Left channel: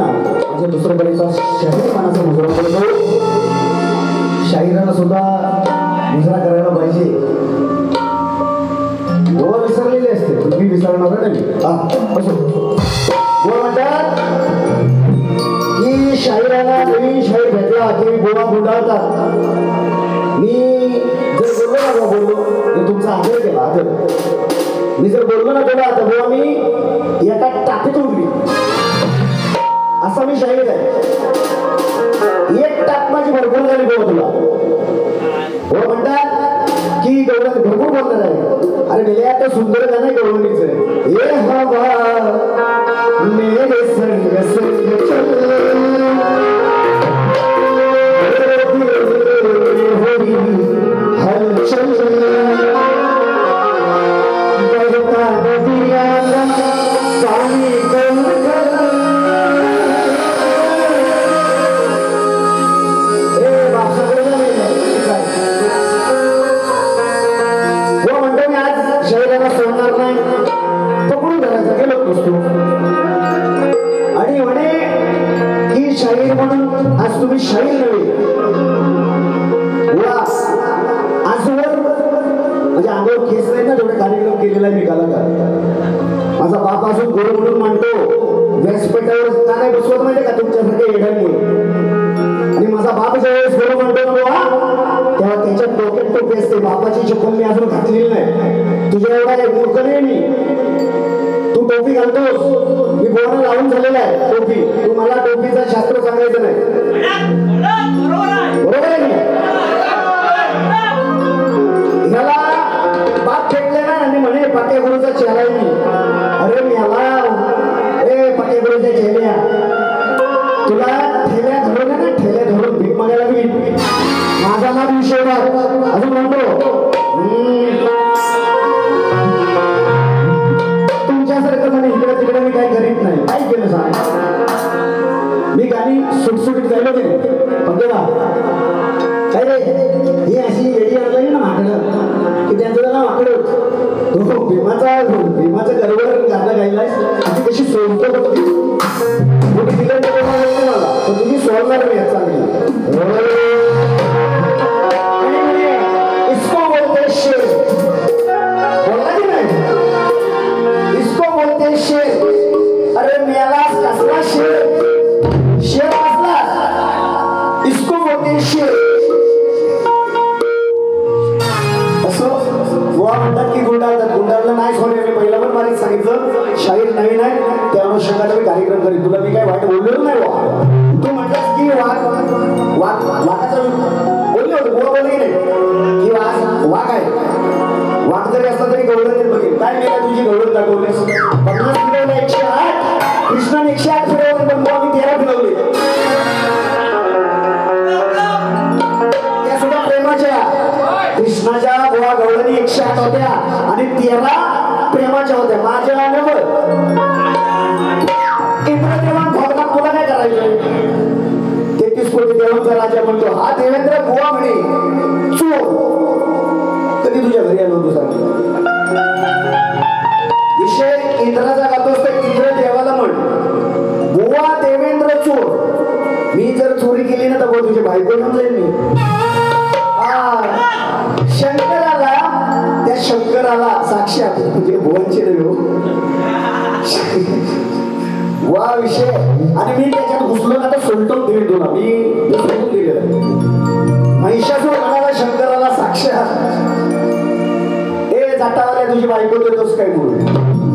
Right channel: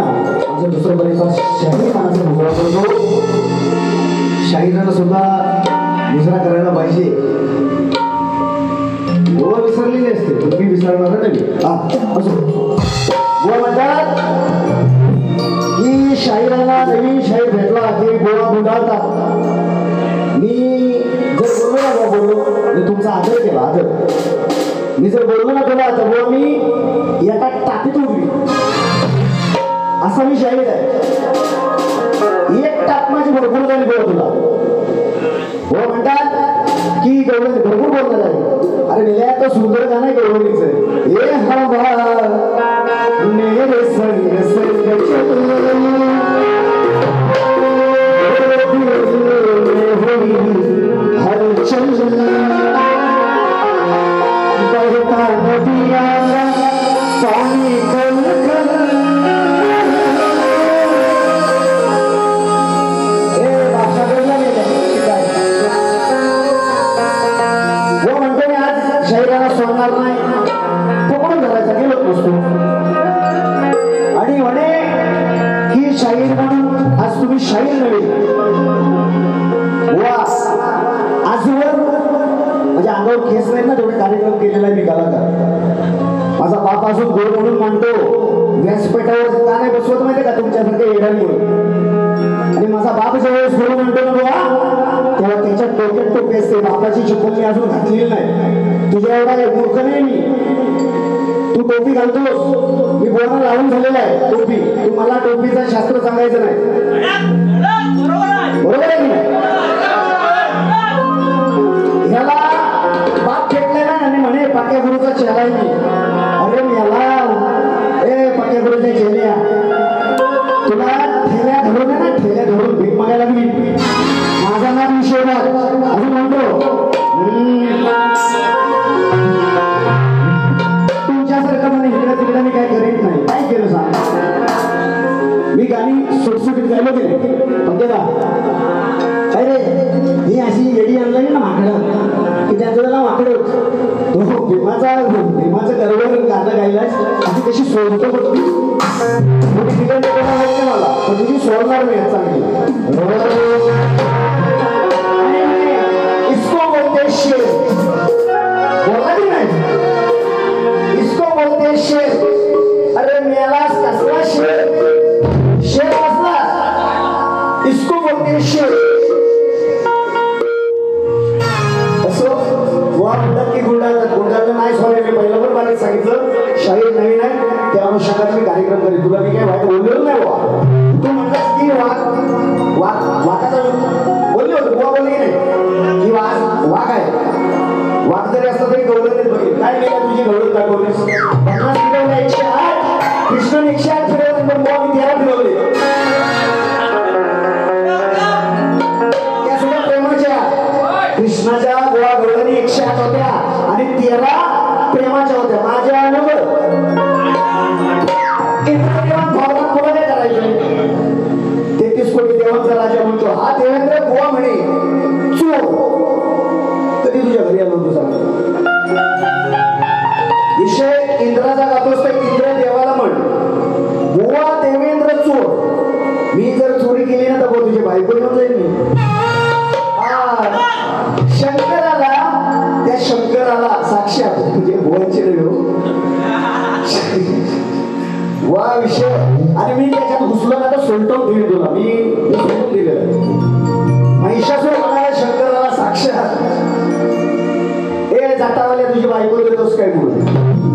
ना म्हणजे दुसऱ्या कलेचा शाहीर मानाचा मुजरा करतो. शाहिरांना सुद्धा मुजरा करायला पाहिजे. गोवा विसरलेले असते तुम्ही विसरणार नाही. असो गोवा म्हणतात की शाहिरांना नवीन शाहीर भेटला की गोवा गुंडाळतात. मी जर बोललो ना बोललो मी तुमचा आदर केला आदर. मी जर बोललो ना तुला तर गोवा मी एका टाकीत उडवी असा मी शाहीर आहे. एक टाक माझी भरपूर झाली गोवा तुला. गोवा म्हणतात की गवळण भरपूर बोलणार आहे. अरे मेल्या तर सुंदर गाणं आहे गवळणीचं. हे हवा मेरे संग संग चल बापाची चप्पल मी अजून घातलेली नाही. तुझ्या एवढा मूर्ख नाही मी. तू टोपी घालतोस मी बोलणं लावून झालेला आहे टोपी. तू मला टोपीचं शास्त्र सांगायचं नाही. बरोबर आहे की ह्याला बाप फेकले ना आणि म्हणे पक्या गुरुचा चेहरा आहे मी. अरे मला ए पक्या गुरुच्या चेहऱ्या तुला ठेल्या धरून ना ठेल्या धरून भीक मागायला मी. माझा नाव विषय अजून म्हणतो तुमच्यासारखं म्हणे इकडे तिकडे मी काय करीत नाही. काय केलं सांग. मी गाणी सुटसुटीत गायलो की पण तेव्हा काय रे ही अशी येडी आणली ना माकडं की त्याचं त्याला माकडं तो भीमाचं गर्वर गाणं गायलाय अशी कशी सोडतो बघ. मोठी तिकडे मला पण तुझी सोडणार मी याचा शाहीर नवीन आहे त्या अनुषंगाने मी कार्यक्रम करेन. तुला मी काय वाईट बोललेलो नाही बाबा. तू म्हणलास की वाघाचा बोलले होते बुवा बोलले की नाही की वाघ आहे. वाघ जरी असला तरी गौरव बघेल. काय केलं तुझी गौरव दाखवली 50 फिरवलं 108 कृष्णाने 108 फिरवलं पण बुवा मी 13 फिरवले. त्या सुद्धा प्रेमाच्या कृष्णाच्या बुवा गौरवनी 108 होत्या आणि 13 प्रेमाच्या होत्या. माझ्या तुला काय करायचे 33 कोटी देवांचा राजा म्हणतो हा देवेंद्र बुवा म्हणे चोर. कधी तुझ्या घरी आलो तू सांग. विषय इंद्राचा गातोस तर इंद्र देवाला म्हण बुवा देवेंद्र चोर. मी जर चोरी केली ना तर तुझी बायको घेऊन जाईल मी. शंकराला त्या शंकराला साक्षात म्हणजे बुवांचे वा विषय आणि मी त्याच्यात घुसलो ना तर सोलटून दिली तुला. मी सोलटून दिलेलं महिषासूर म्हणाला शंकराला साक्षात ए जातावाल्या तुझी बायको देतोस काय म्हणून.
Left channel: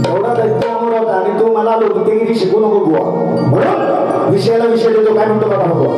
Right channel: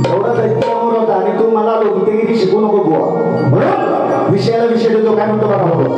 एवढा दैत्य अमोर होता आणि तू मला लोकतेगिरी शिकू नको बुवा म्हणून विषयाला विषय देतो. काय म्हणतो बघा बुवा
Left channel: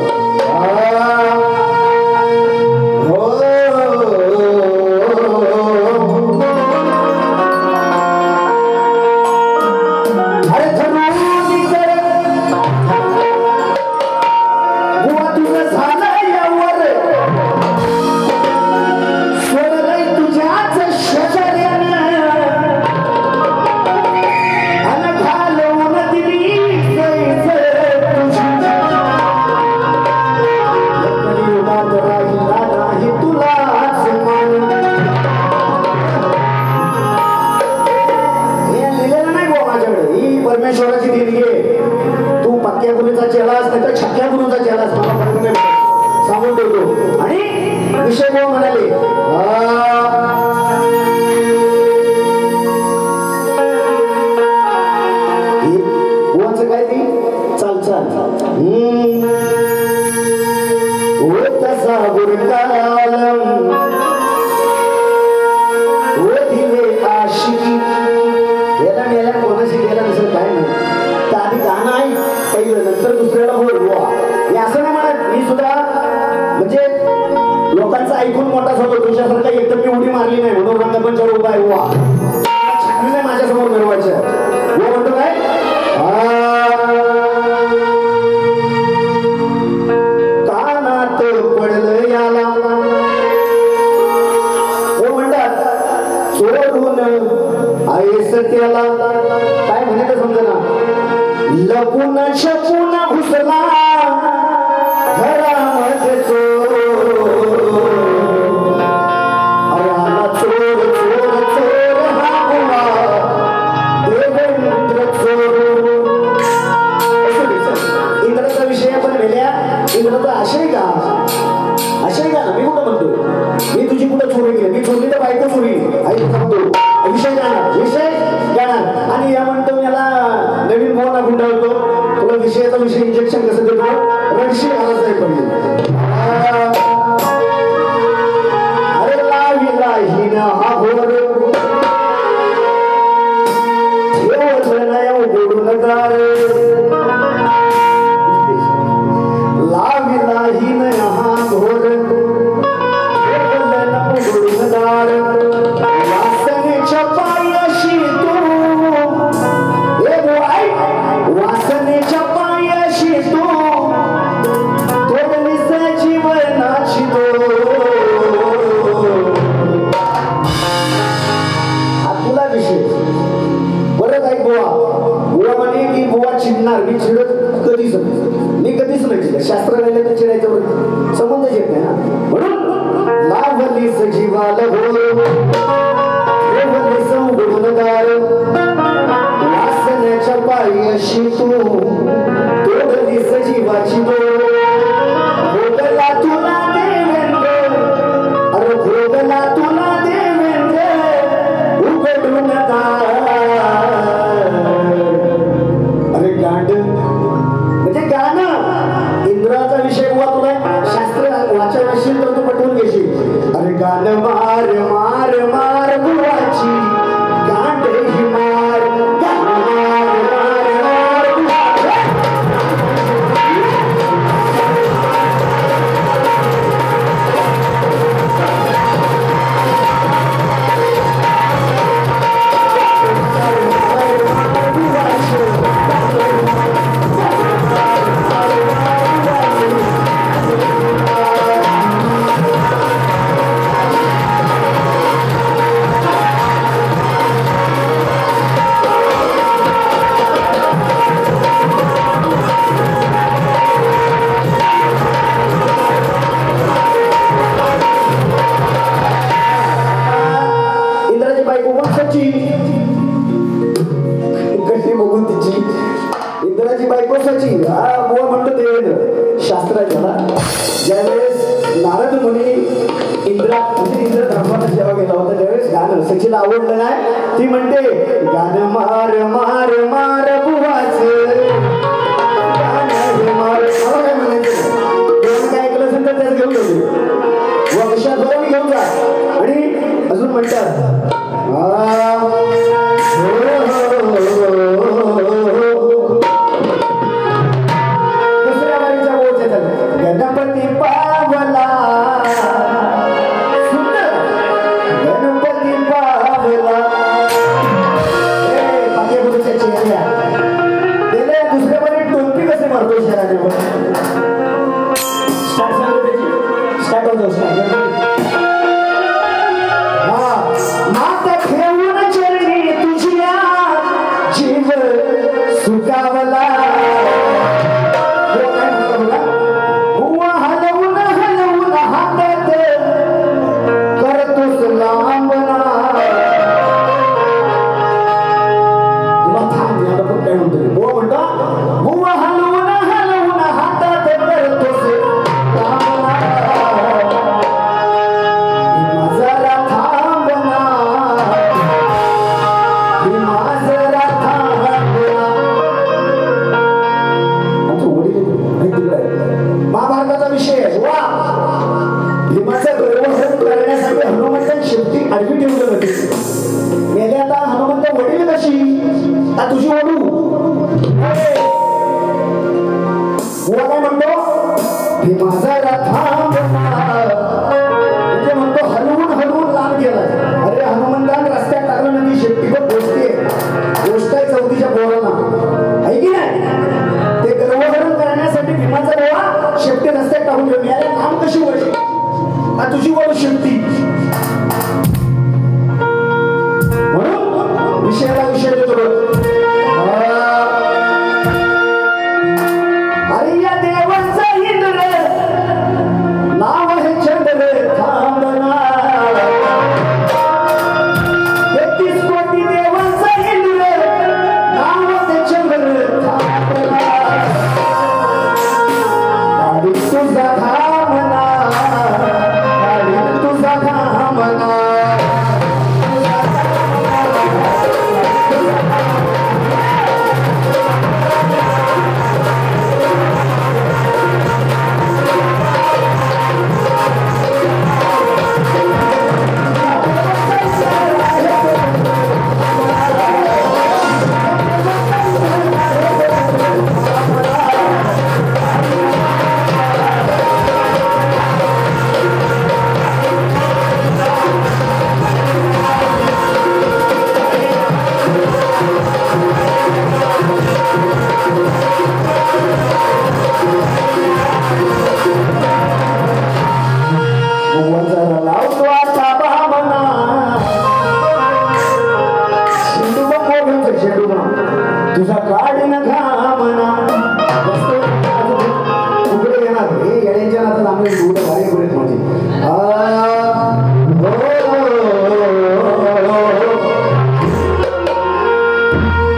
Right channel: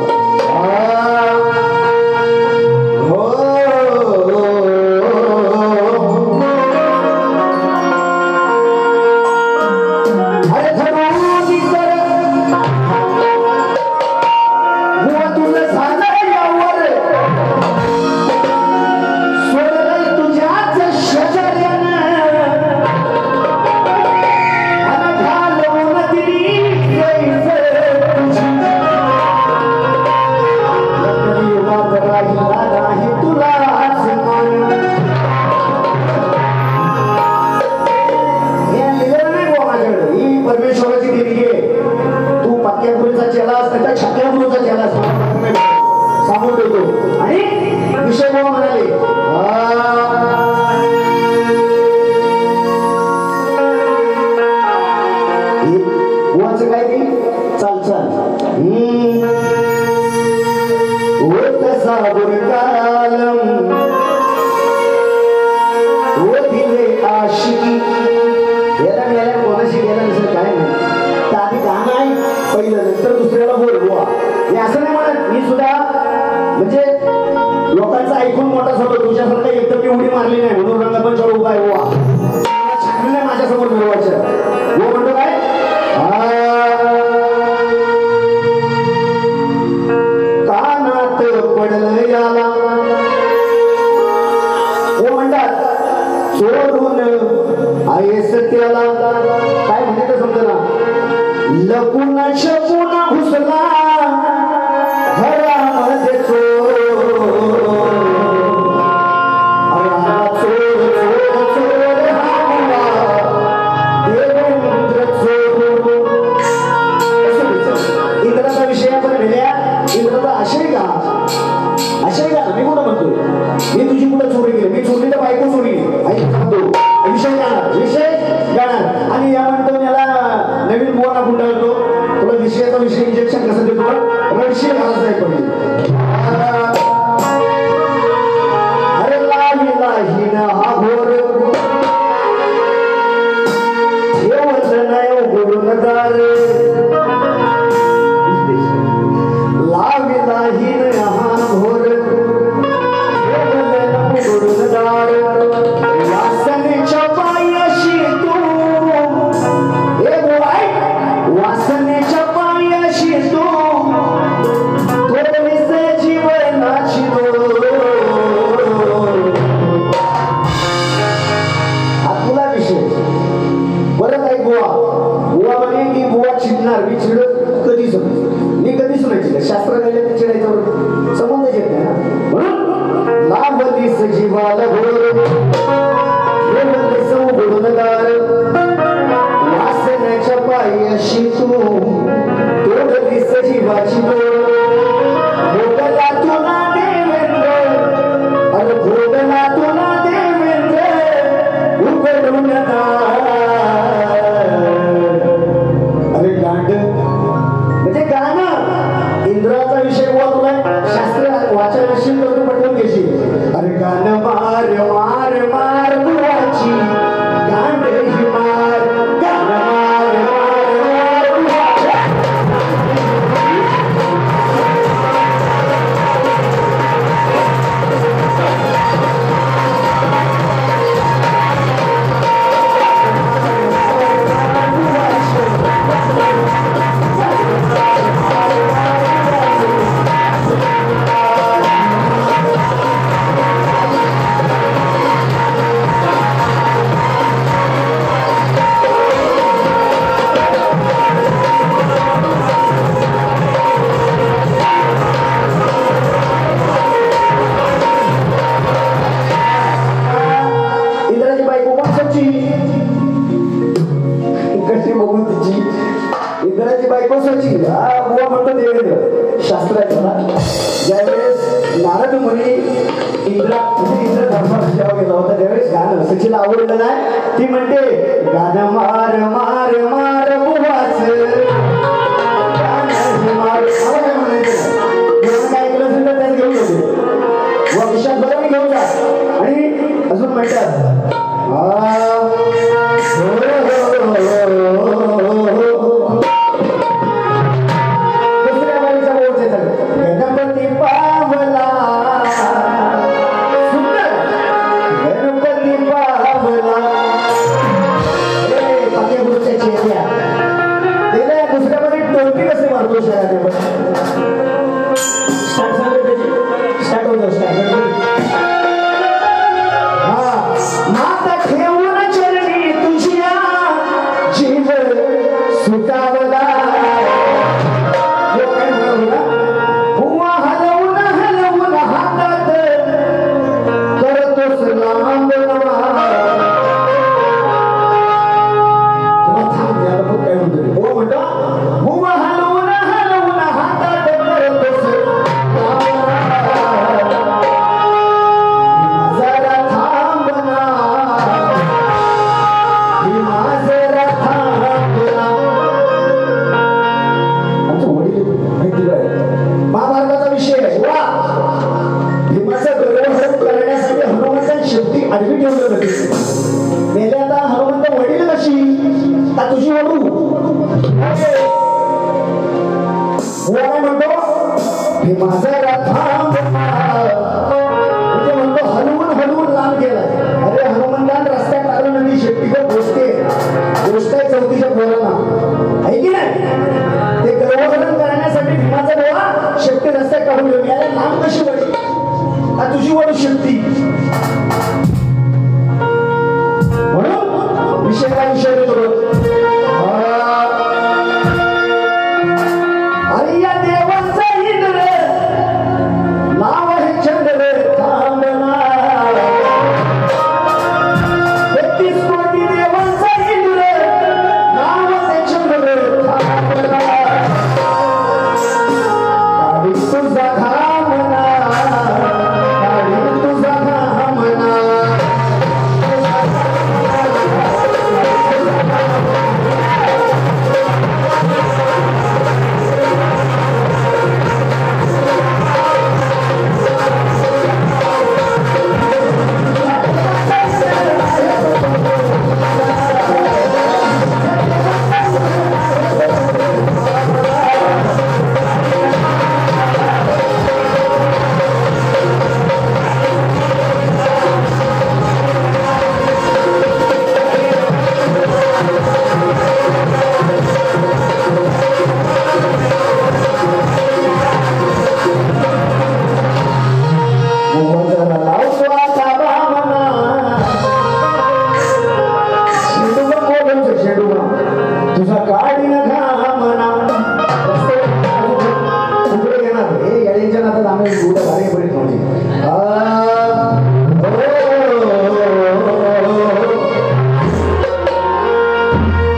केलास नाही तर छात्या गुरुचा केलास सांगून देतो. आणि विषय बुवा म्हणाले बुवांचं काय ती चाल चाल तसा गुरुकालम दिले आशिकी याला मेल्या कोणाशी गेला नसेल काय नाही. त्या आधी गाणं आहे पहिलं नंतर दुसऱ्याला बोल बुवा हे असं नाही म्हणत. मी सुद्धा म्हणजे लोकांचं ऐकून मोठाच होतो तुझ्यासारखा एकदम मी उडी मारली नाही म्हणून रंगमंचावर उभा आहे बुवा छानने माझ्यासमोर मिळवायचं बुवा म्हणतो काय कानात पडलं याला सोडून आयस त्याला काय म्हणायचं समजा लपून शपून घुसला घरामध्ये चोर चोर चोर हा बुवा देवेंद्र चोर. इंद्राचा विषय आपण लिहिल्या इंद्राचा आशय का मी कुठं म्हणतोय मी तुझी कुठं चोरी केली मी चोरी तर बायको चोरी सांगतो विषय जाणार आणि या म्हणतो याला नवीन मोहना गुंडाळतो तुला विषयाचा विषय इंजेक्शन कसं देतो रडशील घालायचं आहे पण अरे लावीला हिना हा घोर ठेवलं नाही उघडून दार लावीला हिना हा घोर वासनेच्या पायाशी तू वासनेच्या पायाशी तू थोडीस जीवनाची हा तुला विषय बरं काय बुवा म्हणे की बुवा चिडणार मी चिडत कधीच नाही चिडत शास्त्र राहिले तर चिडायच्यावर संबंधच येत नाही ना म्हणून लाभलीस जीवाला वासनेच्या पायाशी तू तोडलीस जीवाची भोगला तुला देवेंद्र अरे भोगला तुला देवेंद्र उघडून अरे गांड म्हणजे गाणं इंद्राचा विषय हुआ तुला शास्त्र वाचायला असेल तर तू पटवून घेशील. अरे गाणं मार मार मार बुवाची गांड ही मार गाणं मार मार मार इंद्राची बायको सची बुवा म्हणतो देवेंद्र शास्त्र आहे त्याला. ज्यावेळेस नारद मुनी इंद्र धर्माला जेव्हा गेला होता त्यावेळेस गाणं सचीला आवडलं नाही. ती म्हणते गाणं मार मार मार बुवाच गाणं मार मला काय म्हणायचं काय ऐकलं असेल तर त्यात घेऊन येते व विषयात बरोबर घेऊन जा. आणि अजून म्हणतात गणपती पावला सुंदर गणपती पावला पाठ्यपुरुषाची काय म्हणतो भीमाचा रथांब म्हणजे म्हणतो हलवून हलवून लांब गेलाय. अरे हनुमंतान रस्त्यात टाकलं ना मी शेपटीवर गोष्टी गोष्ट आहे चौथीच्या पोरांना आहे की नाही. ते गर्वहरण करण्यासाठी भीमाचा डोळा शेपटी रस्त्यात टाकून गेलो. याला लांब कशी वळली तुझी वळ शेपटी. म्हणून विषयाला विषय देतो. अरे या देवांचा इंद्र नाव आहे चंद्र थांबना. 33 कोटी देवांचा इंद्र नाव आहे चंद्र थांबना. गाडी तुझा थांबना गाडी तुझा थांबना. तुझा काढी न घामना उघडे घेणार हे येड्यांच्या नातात आम्ही एवढं भारी पडेल म्हणजे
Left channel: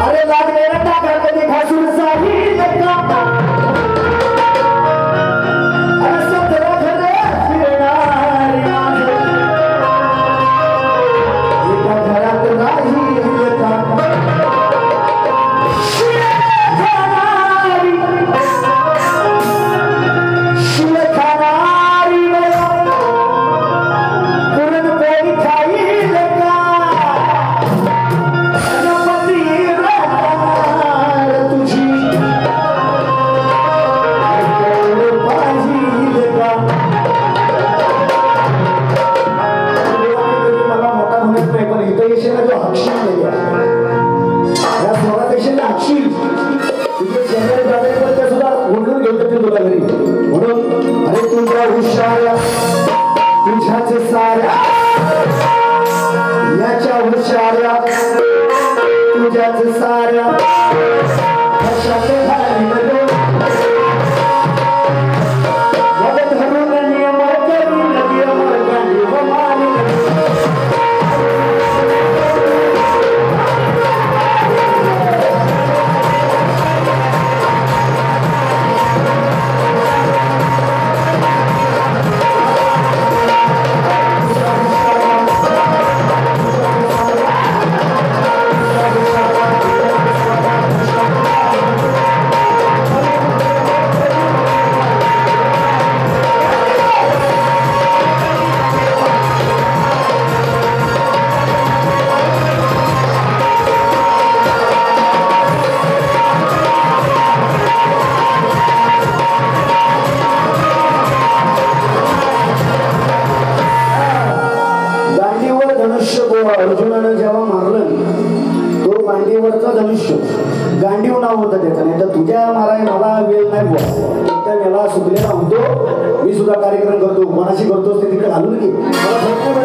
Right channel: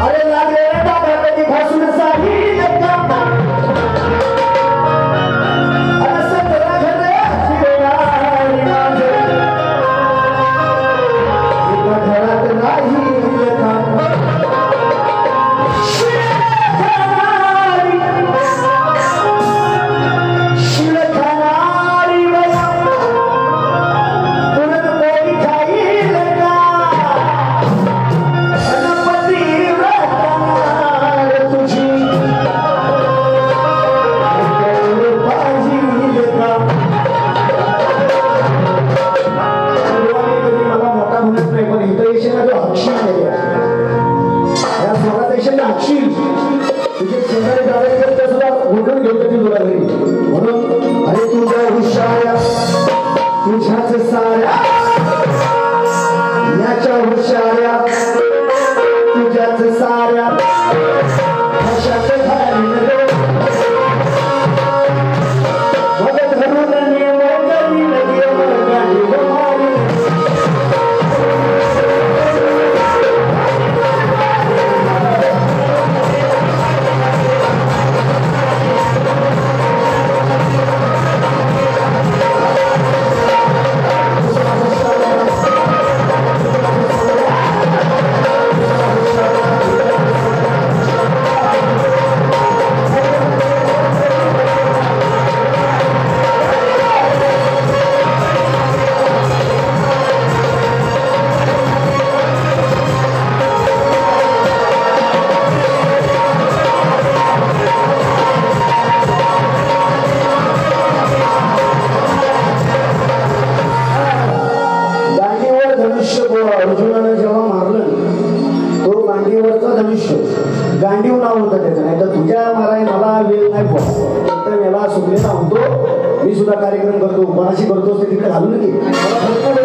अरे लागले ना टाका कधी घासून साही अरे सतरा घरे फिरणारी माझे एका घरात नाही अर्जुनानं जेव्हा मारलं तो गांडीवरचा धनुष्य गांडीव नाव होतं त्याचं. नाही तर तुझ्या माराय मला वेळ नाही बुवा तर याला सुटलेला होतो. मी सुद्धा कार्यक्रम करतो कोणाशी करतो ते तिकडे घालून की मला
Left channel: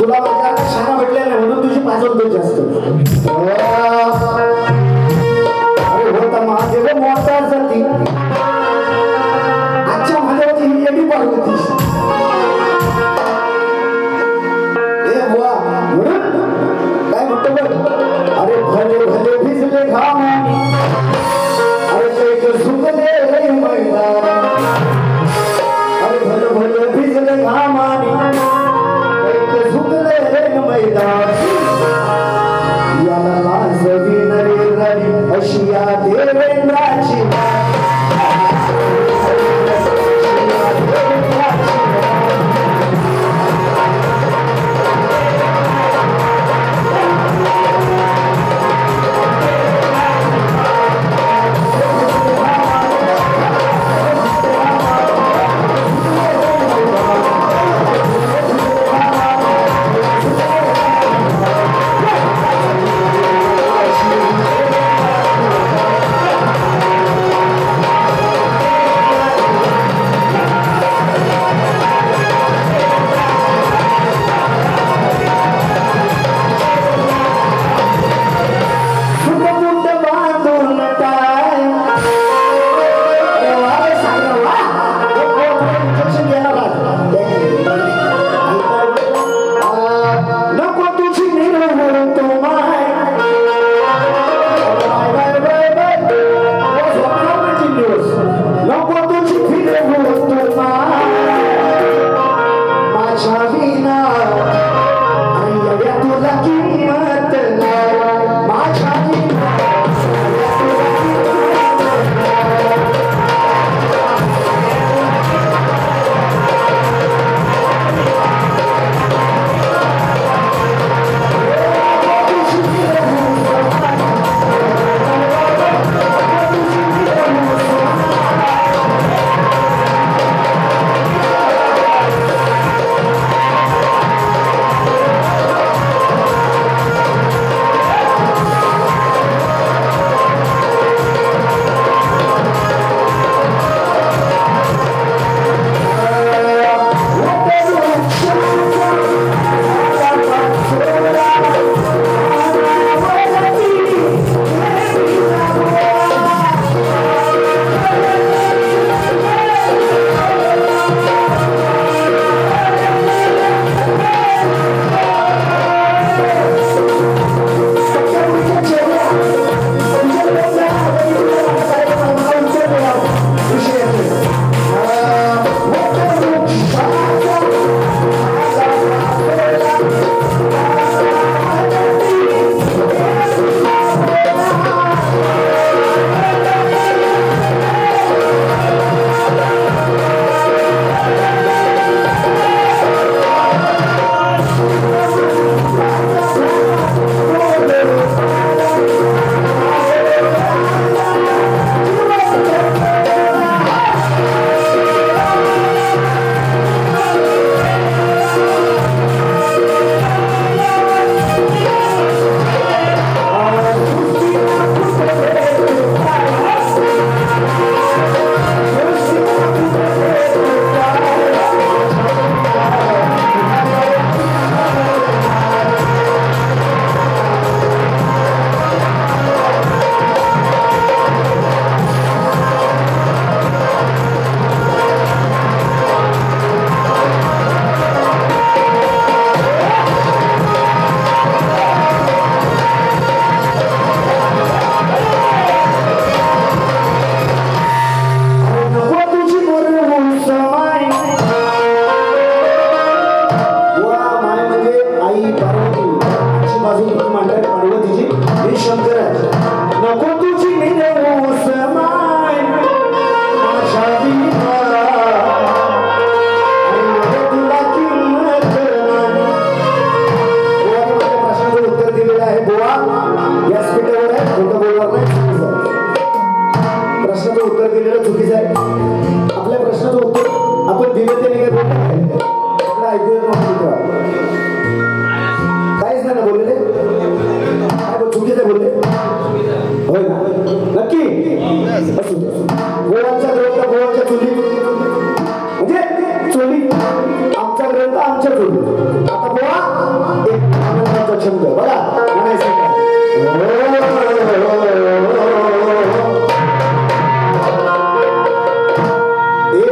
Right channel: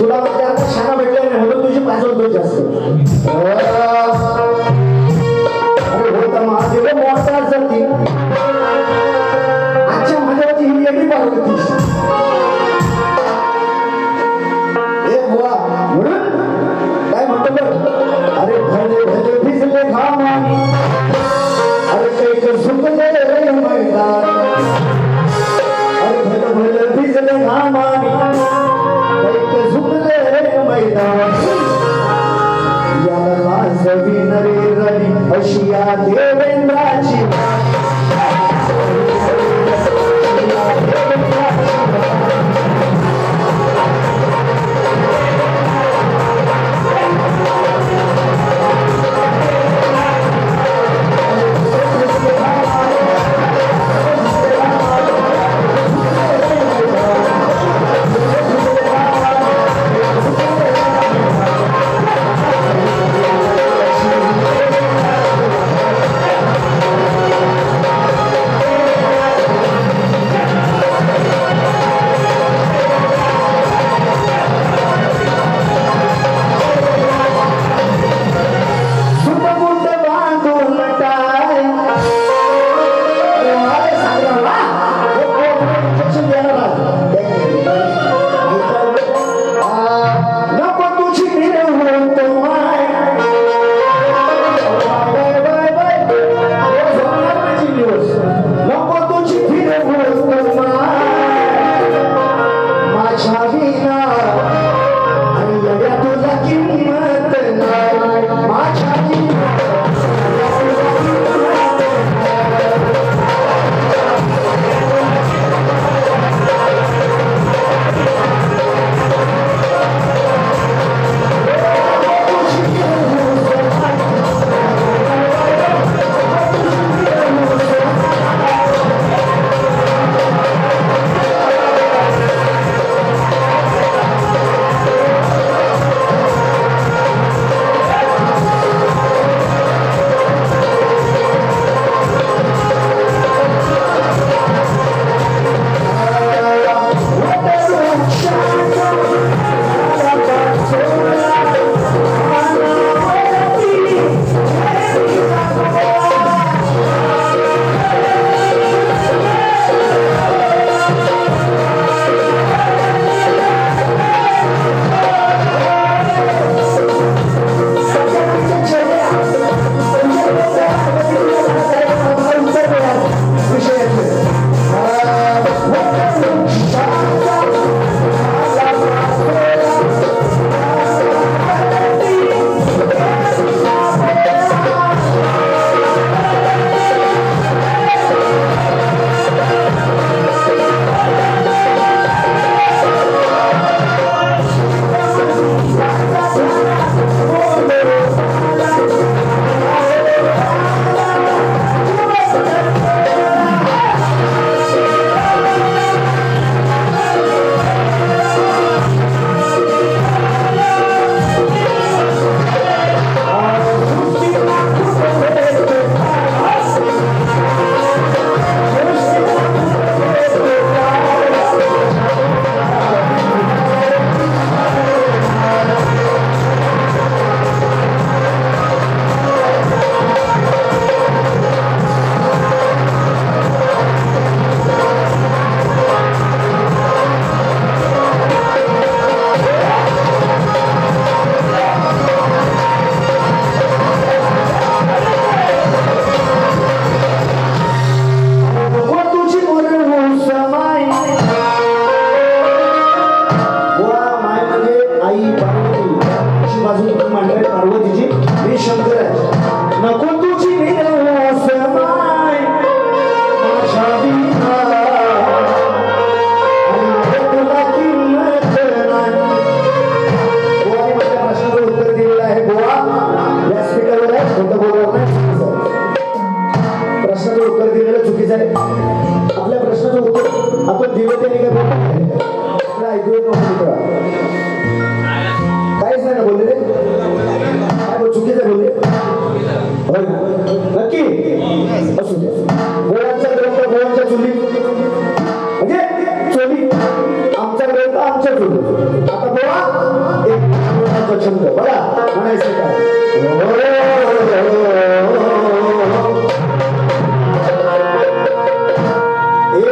तुला माझ्या शाळा भेटल्या नाही म्हणून तुझी पाजवतो जास्त. अरे होता महादेव मोठा जाती आजच्या महादेवाची ही येडी पाडत होती. अरे भले भले भिजले घामानी अरे ते सुकले मैदान. अरे भले भले भिजले घामानी ते सुकले मैदान. याला लाजवी नरे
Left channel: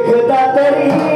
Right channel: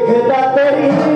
हे दातरी